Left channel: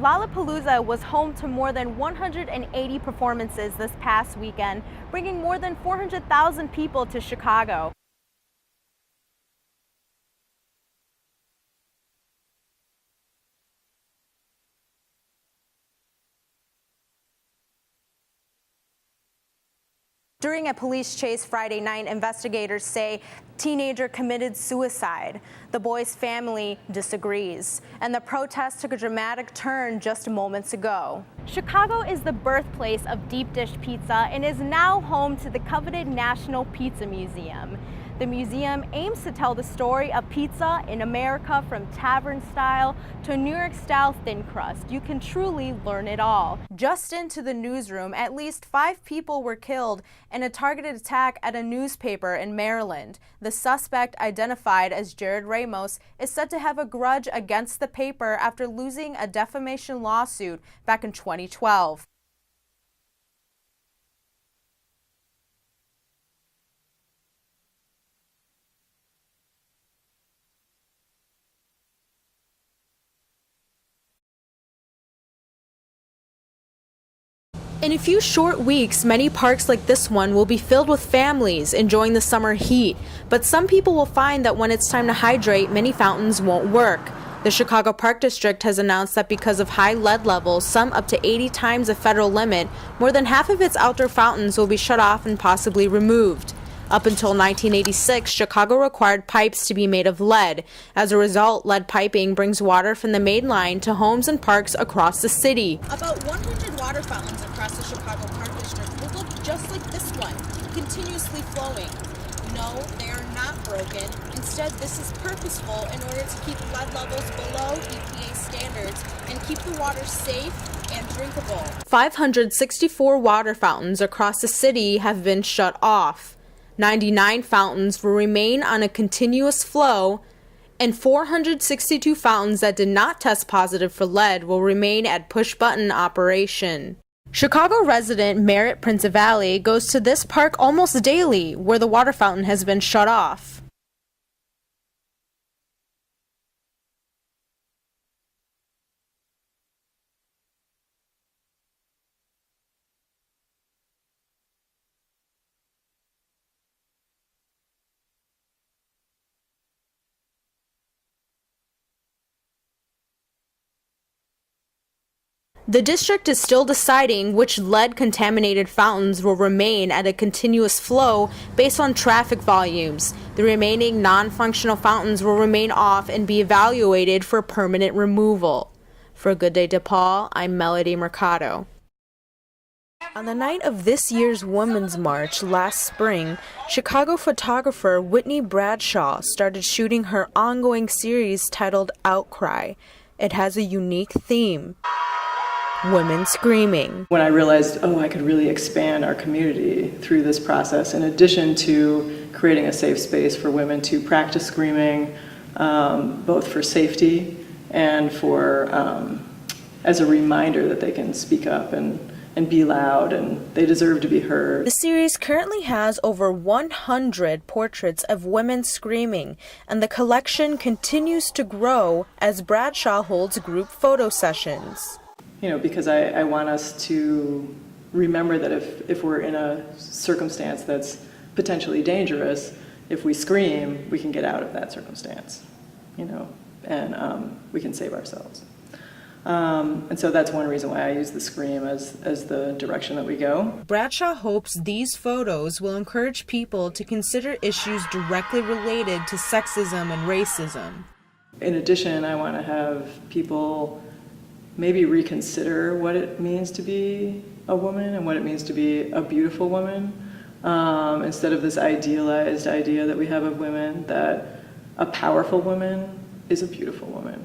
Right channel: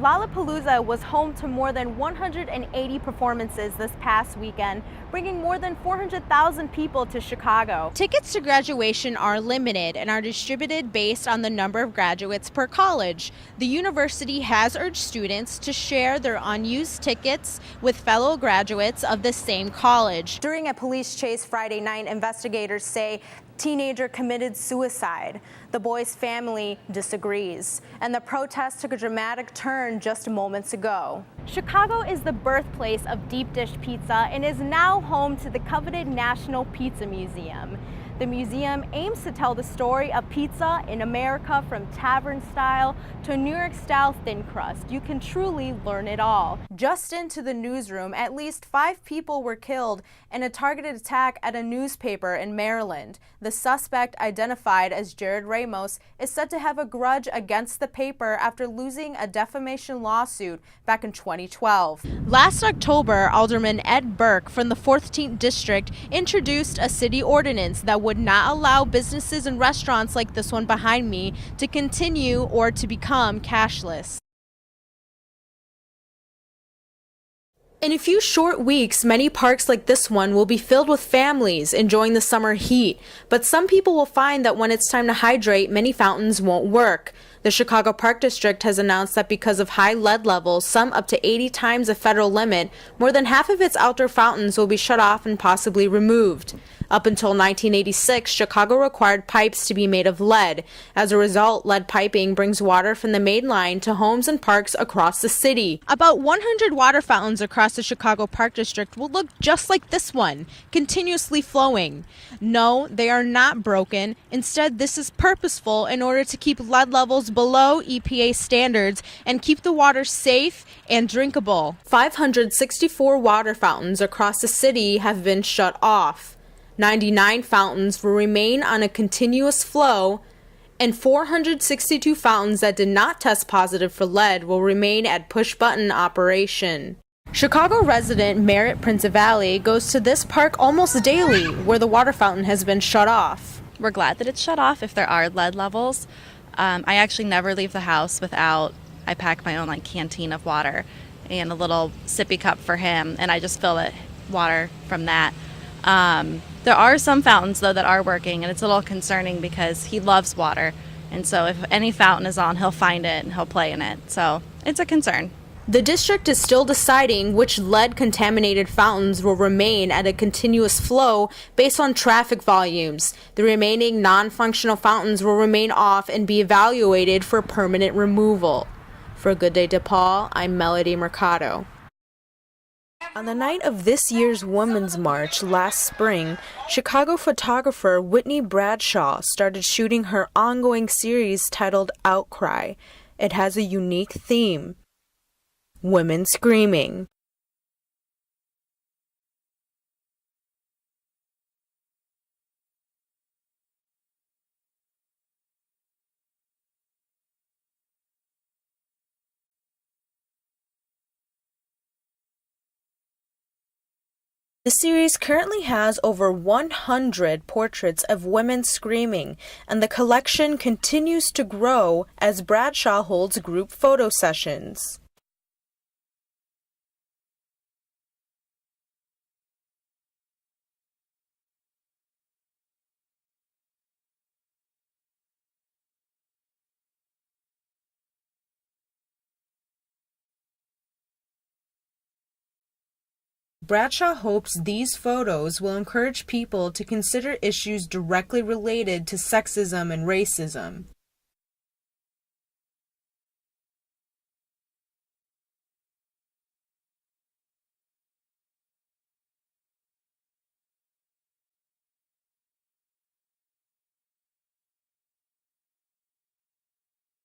Lollapalooza was home to more than 180 performances this past weekend, bringing more than 400,000 people to Chicago. Tickets to graduation are limited and are distributed based on the number of graduates per college. The university has urged students to share their unused tickets with fellow graduates of the same college. During a police chase Friday night, investigators say teenager committed suicide. The boy's family disagrees, and the protest took a dramatic turn just moments ago. Chicago is the birthplace of deep dish pizza and is now home to the coveted National Pizza Museum. The museum aims to tell the story of pizza in America, from tavern style to New York style thin crust. You can truly learn it all. Just into the newsroom, at least 5 people were killed in a targeted attack at a newspaper in Maryland. The suspect, identified as Jared Ramos, is said to have a grudge against the paper after losing a defamation lawsuit back in 2012. Last October, Alderman Ed Burke from the 14th District introduced a city ordinance that would not allow businesses and restaurants like this one behind me to continue or to become cashless. In a few short weeks, many parks like this one will be filled with families enjoying the summer heat, but some people will find that when it's time to hydrate, many fountains won't work. The Chicago Park District has announced that because of high lead levels, some up to 80 times the federal limit, more than half of its outdoor fountains will be shut off and possibly removed. Up until 1986, Chicago required pipes to be made of lead. As a result, lead piping brings water from the main line to homes and parks across the city. About 100 water fountains across the Chicago Park District will look just like this one, continuously flowing. No, they are not broken. Instead, this is purposeful in order to keep lead levels below EPA standards and keep the water safe and drinkable. 564 water fountains across the city have been shut off. 99 fountains will remain on a continuous flow, and 462 fountains that did not test positive for lead will remain at push-button operation. Chicago resident Merritt Principali goes to this park almost daily, where the water fountain has been shut off. We're glad that it's shut off if there are lead levels. I actually never leave the house without, I pack my own canteen of water and a little sippy cup for him, and I just fill it water from that. There are some fountains, though, that are working, and it's a little concerning because he loves water. And so if any fountain is on, he'll find it and he'll play in it. So it's a concern. The district is still deciding which lead-contaminated fountains will remain at a continuous flow based on traffic volumes. The remaining non-functional fountains will remain off and be evaluated for permanent removal. For Good Day DePaul, I'm Melody Mercado. On the night of this year's Women's March last spring, Chicago photographer Whitney Bradshaw started shooting her ongoing series titled Outcry. It has a unique theme: women screaming. When I realized, I could really expand our community through this process, in addition to creating a safe space for women to practice screaming, both for safety and for as a reminder that they can speak up and be loud, and they deserve to be heard. The series currently has over 100 portraits of women screaming, and the collection continues to grow as Bradshaw holds group photo sessions. Because I want us to remember that if we're in a circumstance that's potentially dangerous, if we scream, we can get out of that circumstance, and we can save ourselves. And so that's one reason why I use the scream as the direction that we go. Bradshaw hopes these photos will encourage people to consider issues directly related to sexism and racism. In addition, I want to have people maybe reconsider what it means to be a woman and what it means to be a beautiful woman, instead of this idealized idea that we have of women, that a powerful woman is a beautiful woman.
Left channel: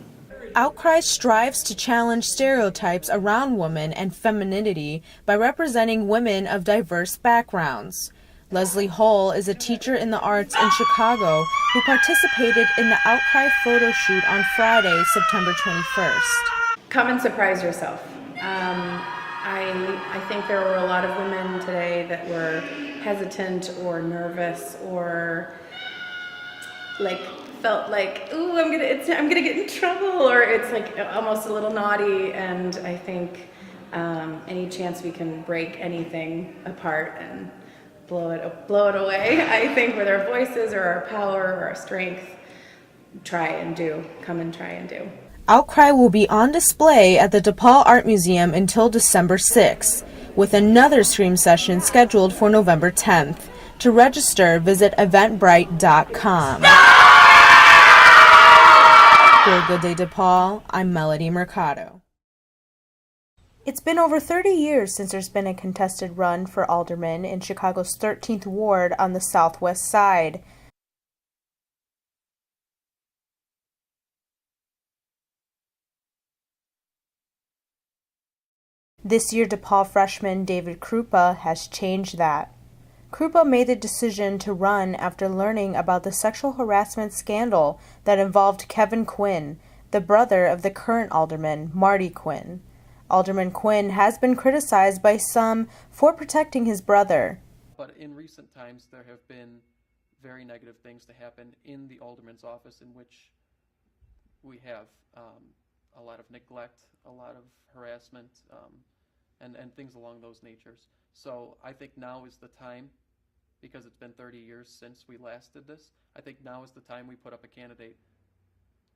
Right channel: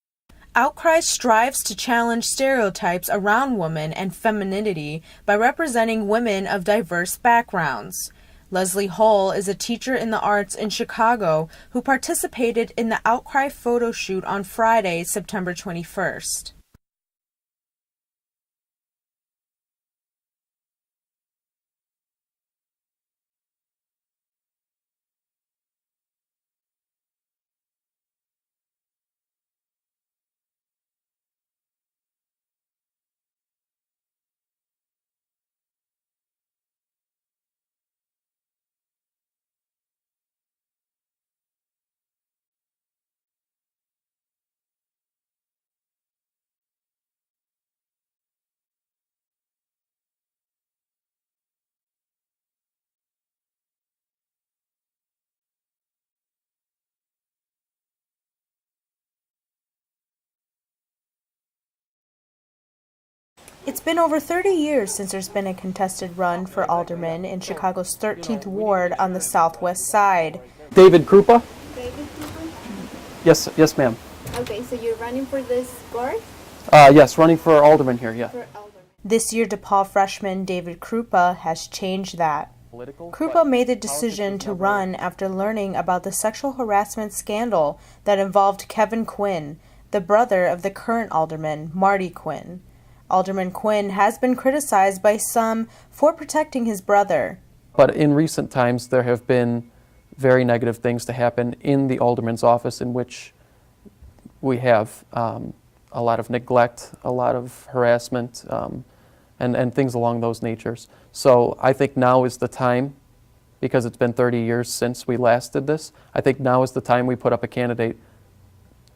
Outcry strives to challenge stereotypes around women and femininity by representing women of diverse backgrounds. Leslie Hull is a teacher in the arts in Chicago who participated in the Outcry photo shoot on Friday, September 21st. Come and surprise yourself. I think there were a lot of women today that were hesitant or nervous or like felt like, ooh, I'm gonna get in trouble, or it's like almost a little naughty. And I think any chance we can break anything apart and blow it away, I think with our voices or our power or our strength, come and try and do. Outcry will be on display at the DePaul Art Museum until December 6th, with another Scream session scheduled for November 10th. To register, visit eventbrite.com. For Good Day DePaul, I'm Melody Mercado. It's been over 30 years since there's been a contested run for alderman in Chicago's 13th Ward on the southwest side. David Krupa? David Cooper? Yes, ma'am. Okay, so you're running for this board? Yes, running for alderman here, yeah. For alderman. This year, DePaul freshman David Krupa has changed that. Krupa made the decision to run after learning about the sexual harassment scandal that involved Kevin Quinn, the brother of the current alderman, Marty Quinn. Alderman Quinn has been criticized by some for protecting his brother. But in recent times, there have been very negative things to happen in the alderman's office in which we have a lot of neglect, a lot of harassment, and things along those natures. So I think now is the time, because it's been 30 years since we last did this, I think now is the time we put up a candidate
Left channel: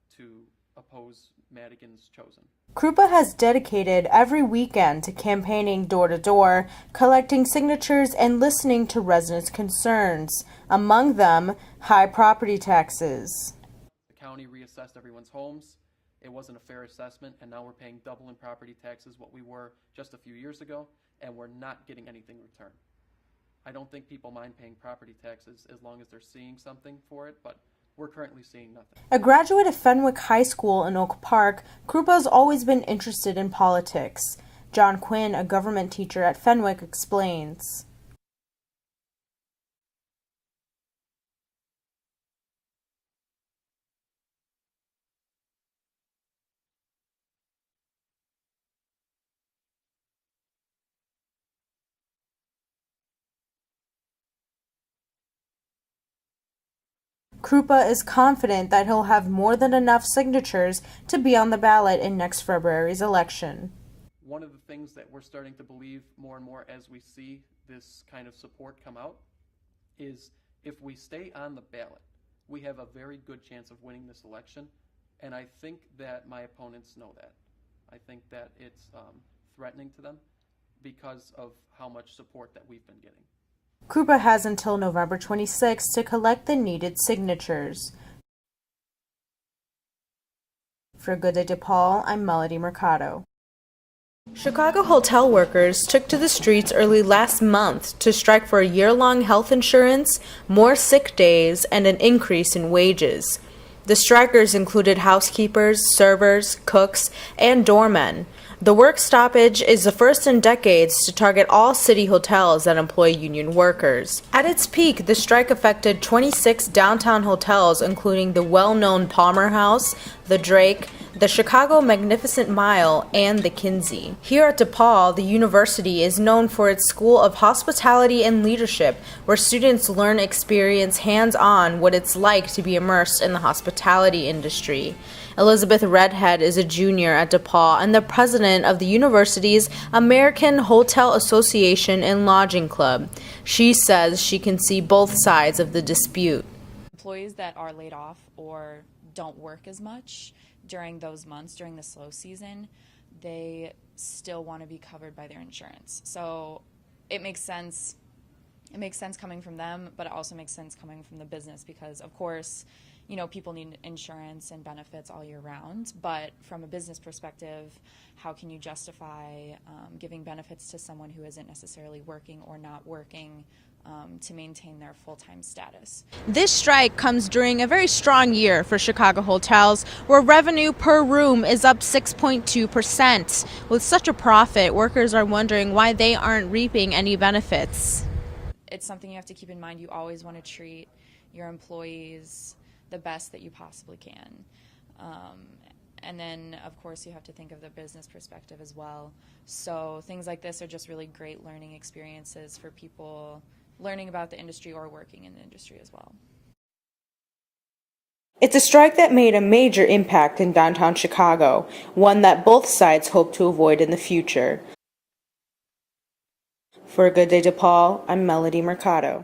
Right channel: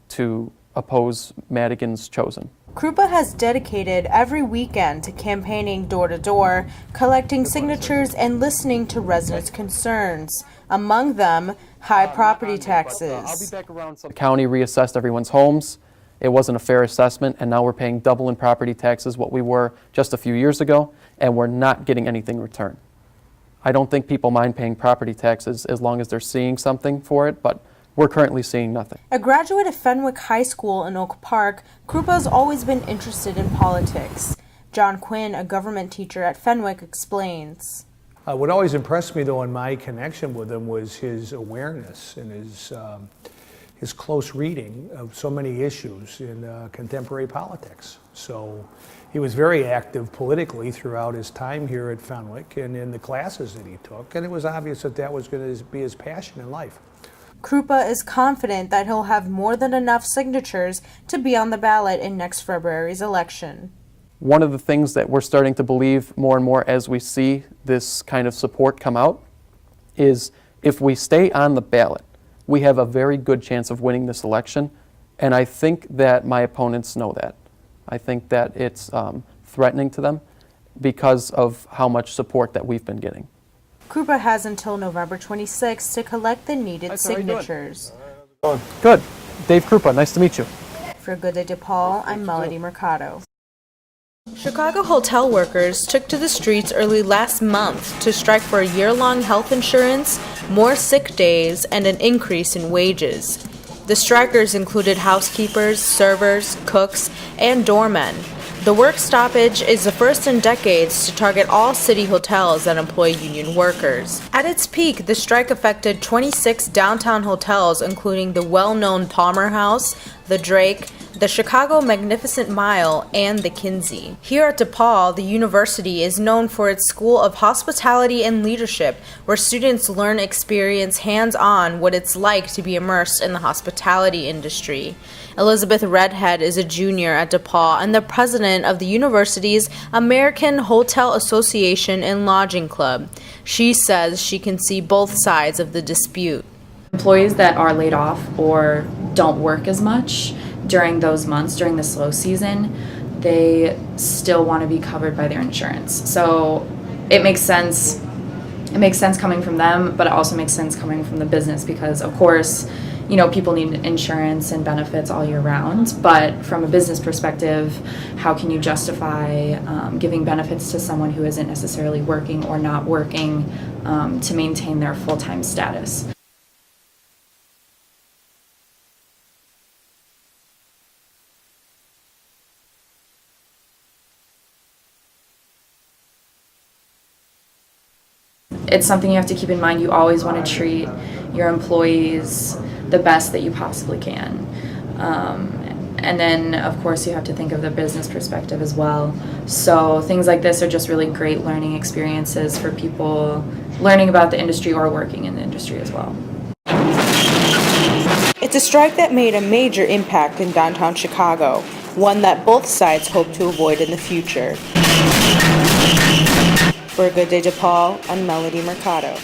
to oppose Madigan's chosen. Krupa has dedicated every weekend to campaigning door-to-door, collecting signatures and listening to residents' concerns, among them high property taxes. The county reassessed everyone's homes. It wasn't a fair assessment, and now we're paying double in property taxes what we were just a few years ago, and we're not getting anything in return. I don't think people mind paying property taxes as long as they're seeing something for it, but we're currently seeing nothing. A graduate of Fenwick High School in Oak Park, Krupa has always been interested in politics. John Quinn, a government teacher at Fenwick, explains. What always impressed me, though, in my connection with him was his awareness and his close reading of so many issues in contemporary politics. So he was very active politically throughout his time here at Fenwick and in the classes that he took, and it was obvious that that was going to be his passion in life. Krupa is confident that he'll have more than enough signatures to be on the ballot in next February's election. One of the things that we're starting to believe more and more as we see this kind of support come out is if we stay on the ballot, we have a very good chance of winning this election, and I think that my opponents know that. I think that it's threatening to them because of how much support that we've been getting. Krupa has until November 26th to collect the needed signatures. Good. Dave Krupa, nice to meet you. For Good Day DePaul, I'm Melody Mercado. Chicago hotel workers took to the streets early last month to strike for a year-long health insurance, more sick days, and an increase in wages. The strikers included housekeepers, servers, cooks, and doormen. The work stoppage is the first in decades to target all city hotels that employ union workers. At its peak, the strike affected 26 downtown hotels, including the well-known Palmer House, the Drake, the Chicago Magnificent Mile, and the Kinsey. Here at DePaul, the university is known for its School of Hospitality and Leadership, where students learn experience hands-on what it's like to be immersed in the hospitality industry. Elizabeth Redhead is a junior at DePaul and the president of the university's American Hotel Association and Lodging Club. She says she can see both sides of the dispute. Employees that are laid off or don't work as much during those months, during the slow season, they still want to be covered by their insurance. So it makes sense. It makes sense coming from them, but it also makes sense coming from the business because, of course, you know, people need insurance and benefits all year round. But from a business perspective, how can you justify giving benefits to someone who isn't necessarily working or not working to maintain their full-time status? This strike comes during a very strong year for Chicago hotels, where revenue per room is up 6.2%. With such a profit, workers are wondering why they aren't reaping any benefits. It's something you have to keep in mind. You always want to treat your employees the best that you possibly can. And then, of course, you have to think of the business perspective as well. So things like this are just really great learning experiences for people learning about the industry or working in the industry as well. It's a strike that made a major impact in downtown Chicago, one that both sides hope to avoid in the future. For a Good Day DePaul, I'm Melody Mercado.